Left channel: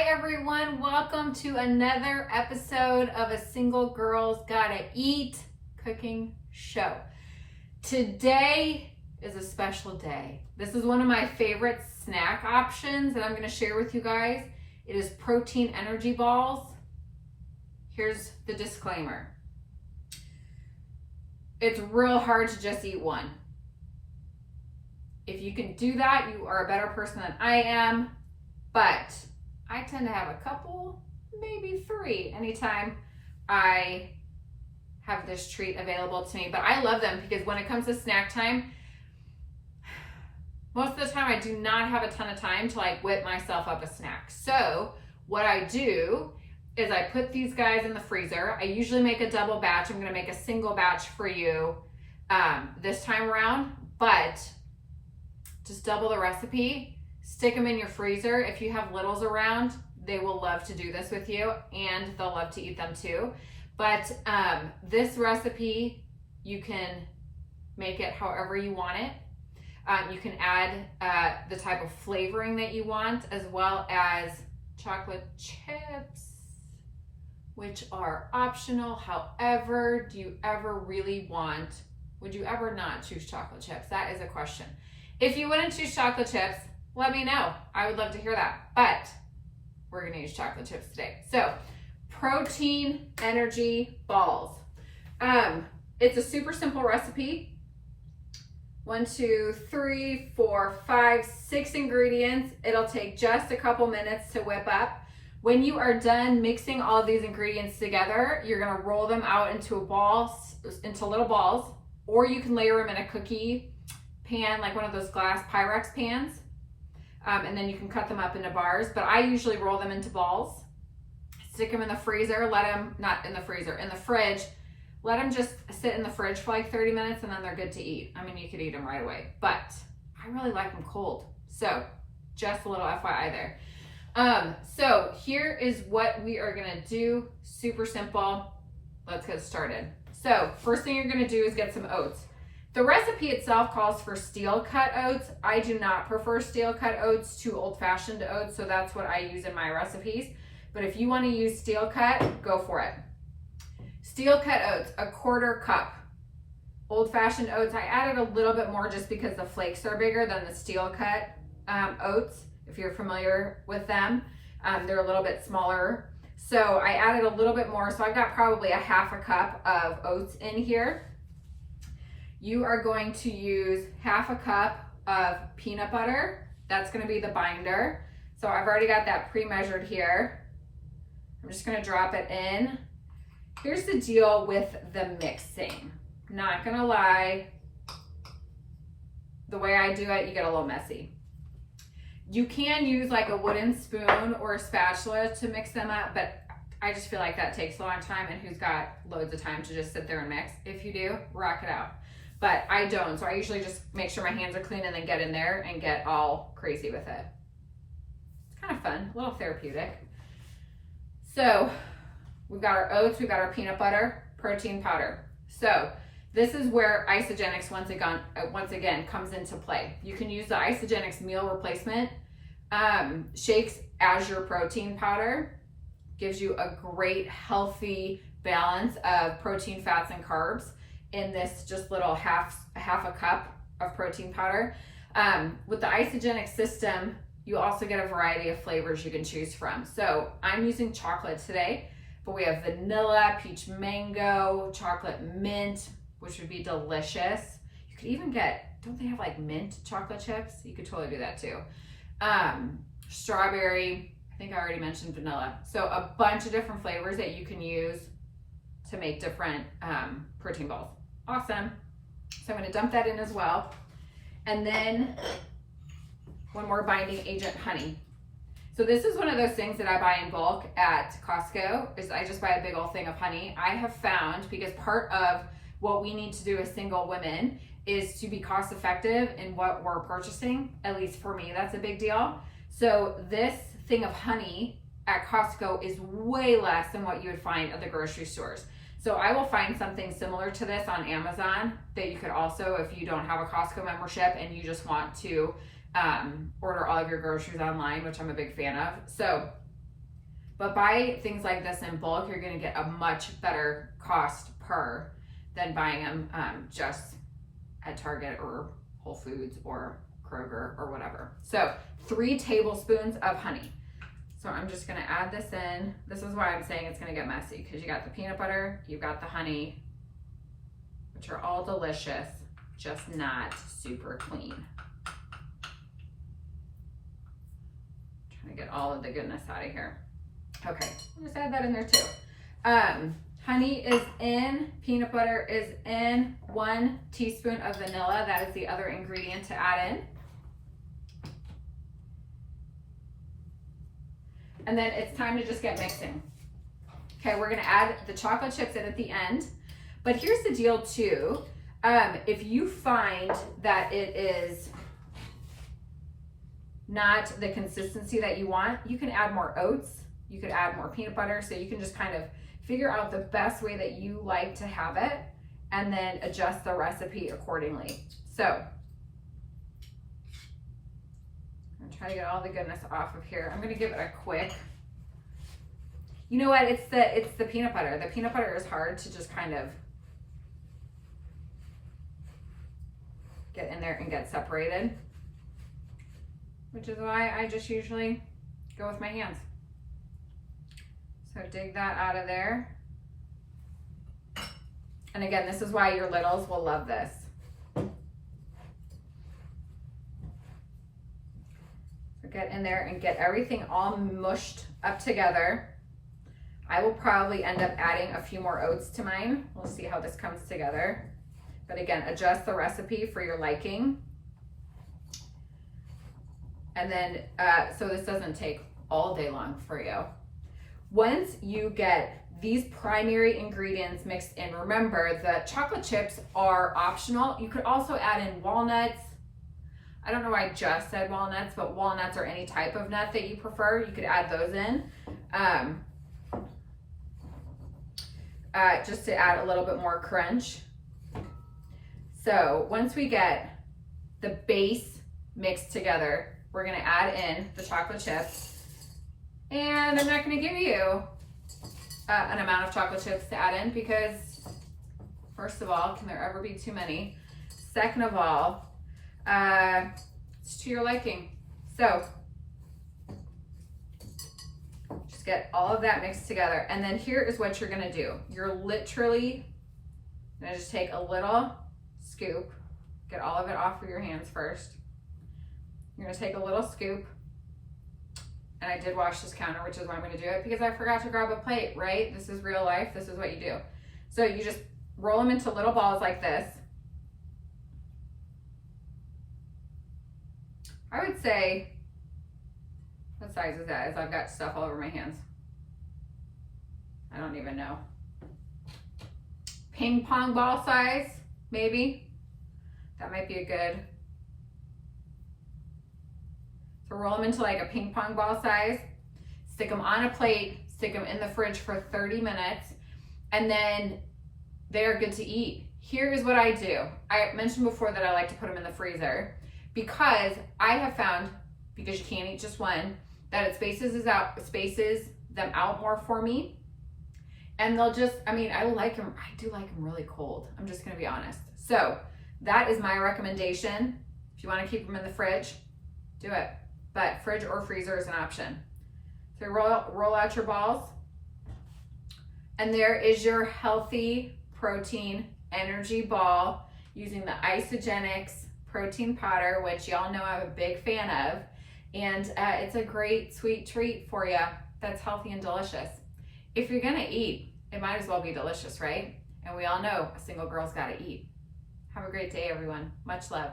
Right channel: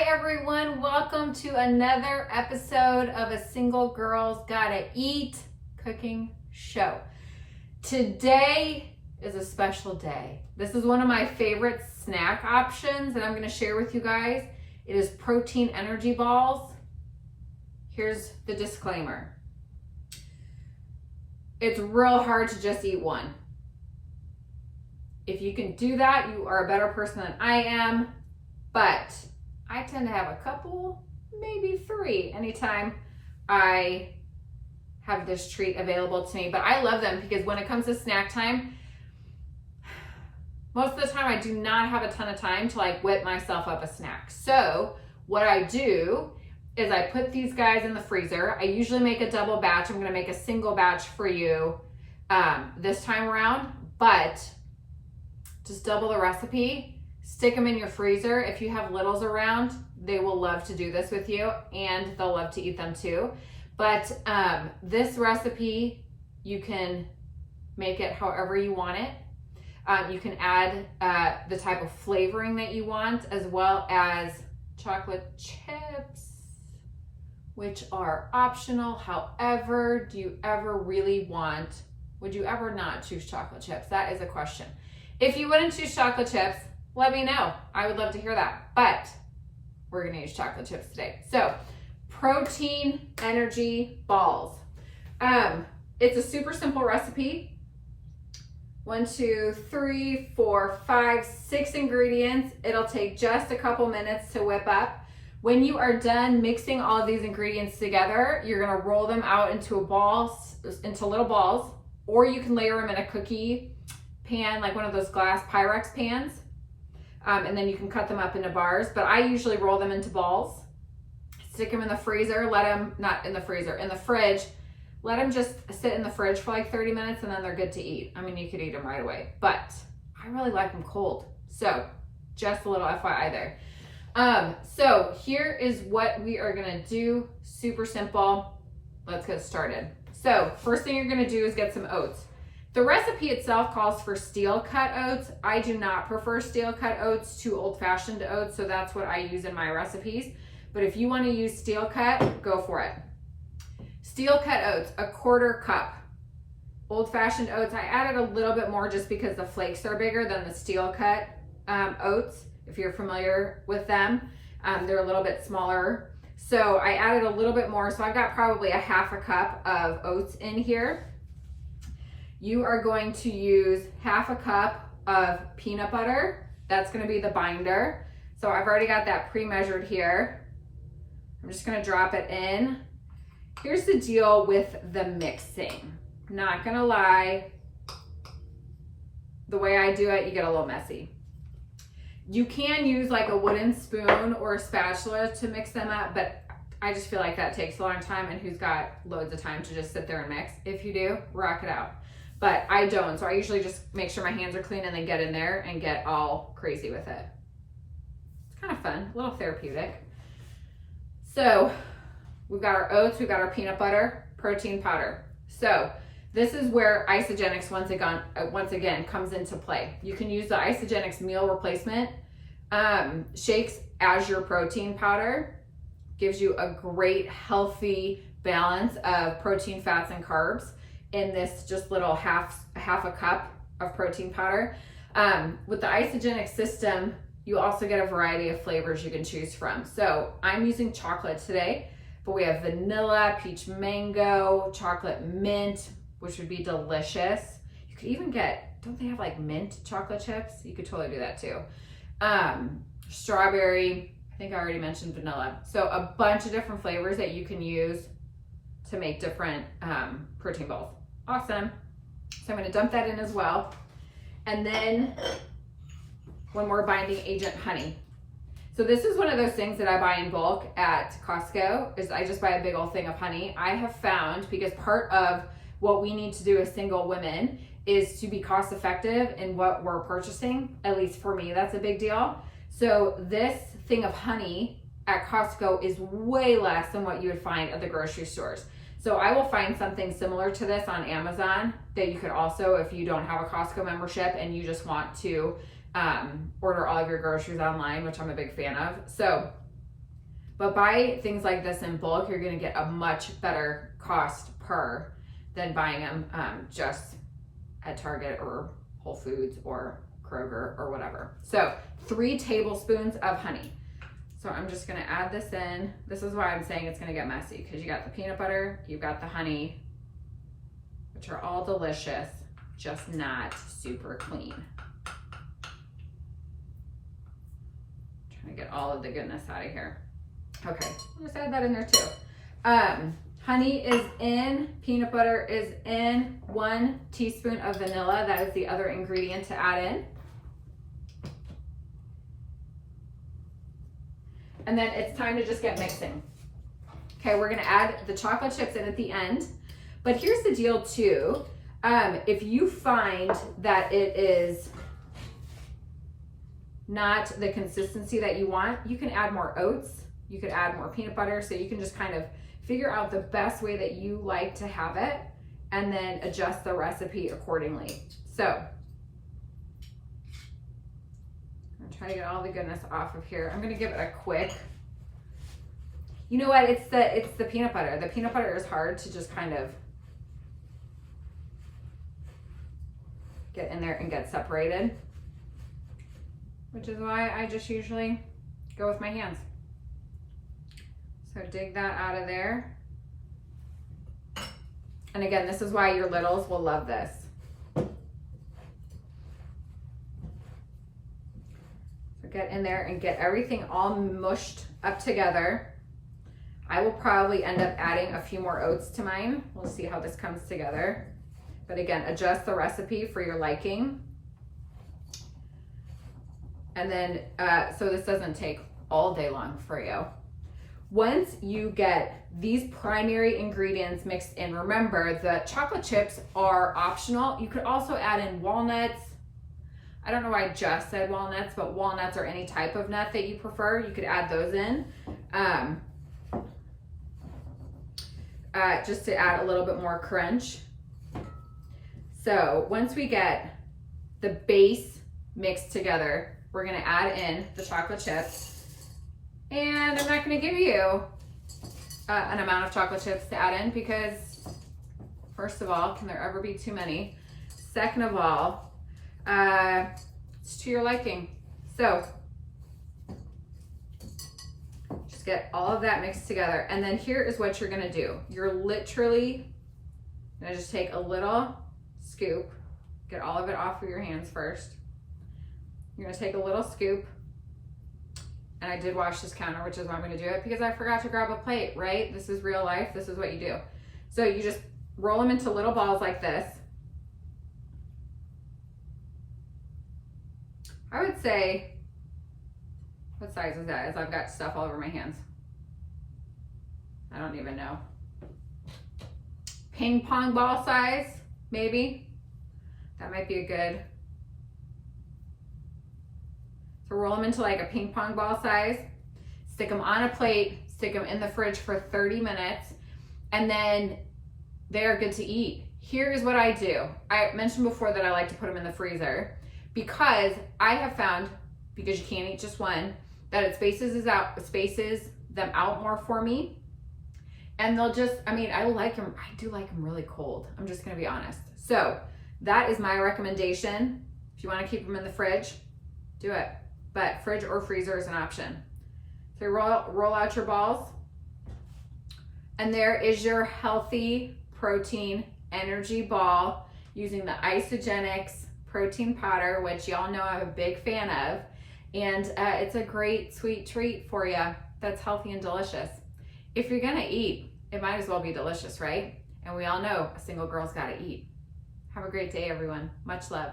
Hi everyone, welcome to another episode of a Single Girls Gotta Eat cooking show. Today is a special day. This is one of my favorite snack options that I'm gonna share with you guys. It is protein energy balls. Here's the disclaimer. It's real hard to just eat one. If you can do that, you are a better person than I am, but I tend to have a couple, maybe three, anytime I have this treat available to me. But I love them because when it comes to snack time, most of the time I do not have a ton of time to like whip myself up a snack. So what I do is I put these guys in the freezer. I usually make a double batch. I'm gonna make a single batch for you this time around, but just double the recipe. Stick them in your freezer. If you have littles around, they will love to do this with you and they'll love to eat them too. But this recipe, you can make it however you want it. You can add the type of flavoring that you want, as well as chocolate chips, which are optional. However, do you ever really want, would you ever not choose chocolate chips? That is a question. If you wouldn't choose chocolate chips, let me know. I would love to hear that. But we're gonna use chocolate chips today. So, protein energy balls. It's a super simple recipe. 1, 2, 3, 4, 5, 6 ingredients. It'll take just a couple minutes to whip up. When you are done mixing all of these ingredients together, you're gonna roll them out into little balls, or you can layer them in a cookie pan, like one of those glass Pyrex pans. And then you can cut them up into bars, but I usually roll them into balls, stick them in the freezer, in the fridge, let them just sit in the fridge for like 30 minutes and then they're good to eat. I mean, you could eat them right away, but I really like them cold. So just a little FYI there. So here is what we are gonna do. Super simple. Let's get started. So first thing you're gonna do is get some oats. The recipe itself calls for steel cut oats. I do not prefer steel cut oats to old-fashioned oats, so that's what I use in my recipes. But if you want to use steel cut, go for it. Steel cut oats, 1/4 cup. Old-fashioned oats, I added a little bit more just because the flakes are bigger than the steel cut oats. If you're familiar with them, they're a little bit smaller. So I added a little bit more, so I've got probably 1/2 cup of oats in here. You are going to use 1/2 cup of peanut butter. That's gonna be the binder. So I've already got that pre-measured here. I'm just gonna drop it in. Here's the deal with the mixing. Not gonna lie, the way I do it, you get a little messy. You can use like a wooden spoon or a spatula to mix them up, but I just feel like that takes a long time, and who's got loads of time to just sit there and mix? If you do, rock it out. But I don't, so I usually just make sure my hands are clean and then get in there and get all crazy with it. It's kind of fun, a little therapeutic. So we've got our oats, we've got our peanut butter, protein powder. So this is where Isagenix once again comes into play. You can use the Isagenix meal replacement shakes as your protein powder. Gives you a great healthy balance of protein, fats, and carbs in this just little half a cup of protein powder. With the Isagenix system, you also get a variety of flavors you can choose from. So I'm using chocolate today, but we have vanilla, peach mango, chocolate mint, which would be delicious. You could even get, don't they have like mint chocolate chips? You could totally do that too. Strawberry, I think I already mentioned vanilla. So a bunch of different flavors that you can use to make different protein balls. Awesome. So I'm going to dump that in as well. And then one more binding agent, honey. So this is one of those things that I buy in bulk at Costco, is I just buy a big old thing of honey. I have found, because part of what we need to do as single women is to be cost effective in what we're purchasing. At least for me, that's a big deal. So this thing of honey at Costco is way less than what you would find at the grocery stores. So I will find something similar to this on Amazon that you could also, if you don't have a Costco membership and you just want to order all of your groceries online, which I'm a big fan of. So But buy things like this in bulk, you're gonna get a much better cost per than buying them just at Target or Whole Foods or Kroger or whatever. So 3 tablespoons of honey. So I'm just gonna add this in. This is why I'm saying it's gonna get messy, because you got the peanut butter, you've got the honey, which are all delicious, just not super clean. Trying to get all of the goodness out of here. Okay, I'll just add that in there too. Honey is in, peanut butter is in, 1 teaspoon of vanilla. That is the other ingredient to add in. And then it's time to just get mixing. Okay, we're gonna add the chocolate chips in at the end. But here's the deal too. If you find that it is not the consistency that you want, you can add more oats. You could add more peanut butter. So you can just kind of figure out the best way that you like to have it and then adjust the recipe accordingly. So try to get all the goodness off of here. I'm gonna give it a quick, you know what, it's the peanut butter. The peanut butter is hard to just kind of get in there and get separated, which is why I just usually go with my hands. So dig that out of there. And again, this is why your littles will love this. Get in there and get everything all mushed up together. I will probably end up adding a few more oats to mine. We'll see how this comes together. But again, adjust the recipe for your liking. And then, so this doesn't take all day long for you. Once you get these primary ingredients mixed in, remember the chocolate chips are optional. You could also add in walnuts. I don't know why I just said walnuts, but walnuts or any type of nut that you prefer, you could add those in. Just to add a little bit more crunch. So once we get the base mixed together, we're gonna add in the chocolate chips. And I'm not gonna give you an amount of chocolate chips to add in because, first of all, can there ever be too many? Second of all, it's to your liking. So just get all of that mixed together. And then here is what you're gonna do. You're literally gonna just take a little scoop, get all of it off of your hands first. You're gonna take a little scoop, and I did wash this counter, which is why I'm gonna do it, because I forgot to grab a plate, right? This is real life, this is what you do. So you just roll them into little balls like this. I would say, what size is that? As I've got stuff all over my hands. I don't even know. Ping pong ball size, maybe. That might be a good. So roll them into like a ping pong ball size, stick them on a plate, stick them in the fridge for 30 minutes, and then they're good to eat. Here is what I do. I mentioned before that I like to put them in the freezer because I have found, because you can't eat just one, that it spaces them out more for me. And they'll just, I mean, I do like them really cold. I'm just gonna be honest. So that is my recommendation. If you wanna keep them in the fridge, do it. But fridge or freezer is an option. So roll out your balls. And there is your healthy protein energy ball using the Isagenix protein powder, which y'all know I'm a big fan of. And it's a great sweet treat for you that's healthy and delicious. If you're gonna eat, it might as well be delicious, right? And we all know a single girl's gotta eat. Have a great day, everyone. Much love.